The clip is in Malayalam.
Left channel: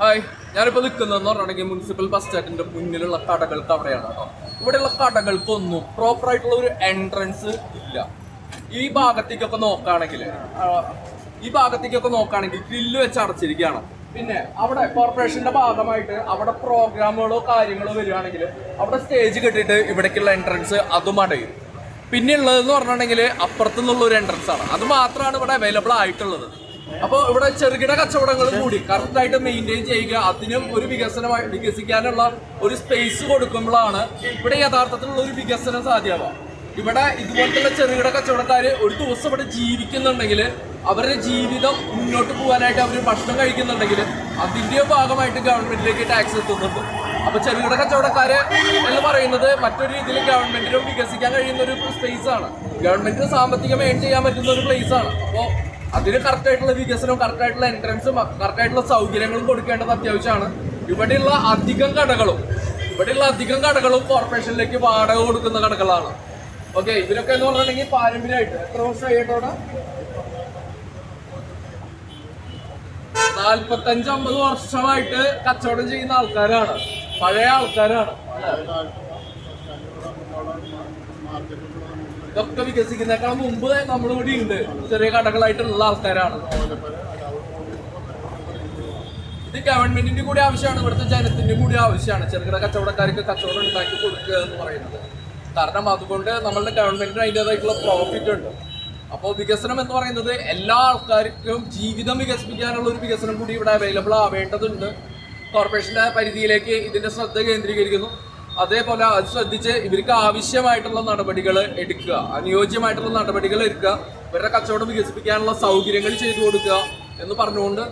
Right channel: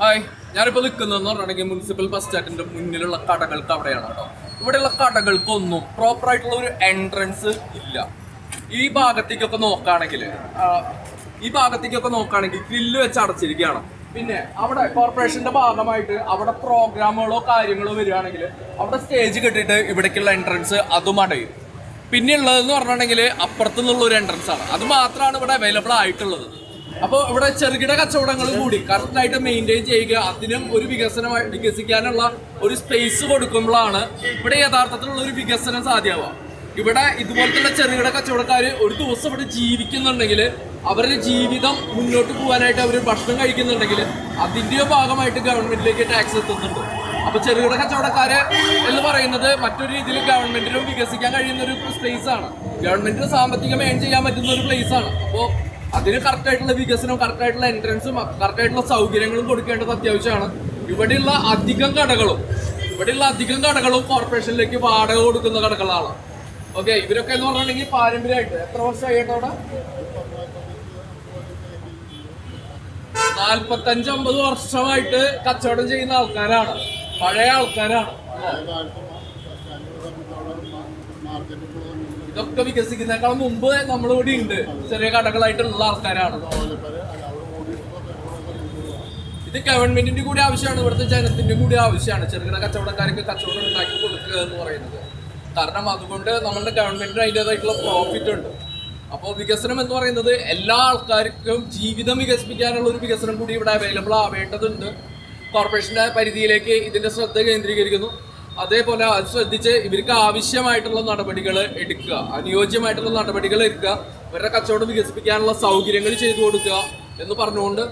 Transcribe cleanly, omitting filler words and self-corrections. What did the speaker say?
ഹായ്, ഞാനിപ്പോൾ നിൽക്കുന്നതെന്ന് പറഞ്ഞിട്ടുണ്ടെങ്കിൽ മുനിസിപ്പൽ ബസ് സ്റ്റാൻഡിന്റെ മുന്നിലുള്ള കടകൾക്ക് അവിടെയാണ് കേട്ടോ. ഇവിടെയുള്ള കടകൾക്കൊന്നും പ്രോപ്പർ ആയിട്ടുള്ള ഒരു എൻട്രൻസ് ഇല്ല. ഈ ഭാഗത്തേക്കൊക്കെ നോക്കുകയാണെങ്കിൽ ഗ്രില്ല് വെച്ച് അടച്ചിരിക്കുകയാണ്. പിന്നെ അവിടെ കോർപ്പറേഷന്റെ ഭാഗമായിട്ട് അവിടെ പ്രോഗ്രാമുകളോ കാര്യങ്ങളോ വരികയാണെങ്കിൽ അവിടെ സ്റ്റേജ് കെട്ടിയിട്ട് ഇവിടേക്കുള്ള എൻട്രൻസ് അതും അടയും. പിന്നെ ഉള്ളതെന്ന് പറഞ്ഞിട്ടുണ്ടെങ്കിൽ അപ്പുറത്തു നിന്നുള്ള ഒരു എൻട്രൻസ് ആണ്. അത് മാത്രമാണ് ഇവിടെ അവൈലബിൾ ആയിട്ടുള്ളത്. അപ്പോൾ ഇവിടെ ചെറുകിട കച്ചവടങ്ങൾ കൂടി കറക്റ്റായിട്ട് മെയിൻറ്റെയിൻ ചെയ്യുക, അതിനും ഒരു വികസിക്കാനുള്ള ഒരു സ്പേസ് കൊടുക്കുമ്പോഴാണ് ഇവിടെ യഥാർത്ഥത്തിലുള്ള ഒരു വികസനം സാധ്യമാവുക. ഇവിടെ ഇതുപോലത്തെ ചെറുകിട കച്ചവടക്കാർ ഒരു ദിവസം ഇവിടെ ജീവിക്കുന്നുണ്ടെങ്കിൽ, അവരുടെ ജീവിതം മുന്നോട്ട് പോകാനായിട്ട് അവർ ഭക്ഷണം കഴിക്കുന്നുണ്ടെങ്കിൽ അതിൻ്റെ ഭാഗമായിട്ട് ഗവൺമെന്റിലേക്ക് ടാക്സ് എത്തുന്നുണ്ട്. അപ്പോൾ ചെറുകിട കച്ചവടക്കാര് എന്ന് പറയുന്നത് മറ്റൊരു രീതിയിൽ ഗവൺമെന്റിനും വികസിക്കാൻ കഴിയുന്ന ഒരു സ്പേസ് ആണ്. ഗവൺമെന്റിന് സാമ്പത്തികം ഏൺ ചെയ്യാൻ പറ്റുന്ന ഒരു പ്ലേസ് ആണ്. അപ്പോൾ അതിന് കറക്റ്റായിട്ടുള്ള വികസനവും കറക്റ്റായിട്ടുള്ള എൻട്രൻസും കറക്റ്റായിട്ടുള്ള സൗകര്യങ്ങളും കൊടുക്കേണ്ടത് അത്യാവശ്യമാണ്. ഇവിടെയുള്ള അധികം കടകളും കോർപ്പറേഷനിലേക്ക് വാടക കൊടുക്കുന്ന കടകളാണ്. ഓക്കെ, ഇവരൊക്കെ എന്ന് പറഞ്ഞിട്ടുണ്ടെങ്കിൽ പാരമ്പര്യമായിട്ട് എത്ര വർഷമായിട്ടവിടെ 45-50 വർഷമായിട്ട് കച്ചവടം ചെയ്യുന്ന ആൾക്കാരാണ്, പഴയ ആൾക്കാരാണ്. ഇതൊക്കെ വികസിക്കുന്നേക്കാൾ മുമ്പ് നമ്മളിവിടെ ഉണ്ട്, ചെറിയ കടകളായിട്ടുള്ള ആൾക്കാരാണ്. ഇത് ഗവൺമെന്റിന്റെ കൂടി ആവശ്യമാണ്, ഇവിടുത്തെ ജനത്തിന്റെ കൂടി ആവശ്യമാണ് ചെറുകിട കച്ചവടക്കാർക്ക് കച്ചവടം ഉണ്ടാക്കി കൊടുക്കുക എന്ന് പറയുന്നത്. കാരണം അതുകൊണ്ട് നമ്മളുടെ ഗവൺമെന്റിന് അതിൻ്റെതായിട്ടുള്ള പ്രോഫിറ്റ് ഉണ്ട്. അപ്പോൾ വികസനം എന്ന് പറയുന്നത് എല്ലാ ആൾക്കാർക്കും ജീവിതം വികസിപ്പിക്കാനുള്ള ഒരു വികസനം കൂടി ഇവിടെ അവൈലബിൾ ആവേണ്ടതുണ്ട്. കോർപ്പറേഷന്റെ പരിധിയിലേക്ക് ഇതിന്റെ ശ്രദ്ധ കേന്ദ്രീകരിക്കുന്നു. അതേപോലെ അത് ശ്രദ്ധിച്ച് ഇവർക്ക് ആവശ്യമായിട്ടുള്ള നടപടികൾ എടുക്കുക, അനുയോജ്യമായിട്ടുള്ള നടപടികൾ എടുക്കുക, ഇവരുടെ കച്ചവടം വികസിപ്പിക്കാനുള്ള സൗകര്യങ്ങൾ ചെയ്തു കൊടുക്കുക എന്ന് പറഞ്ഞുകൊണ്ട്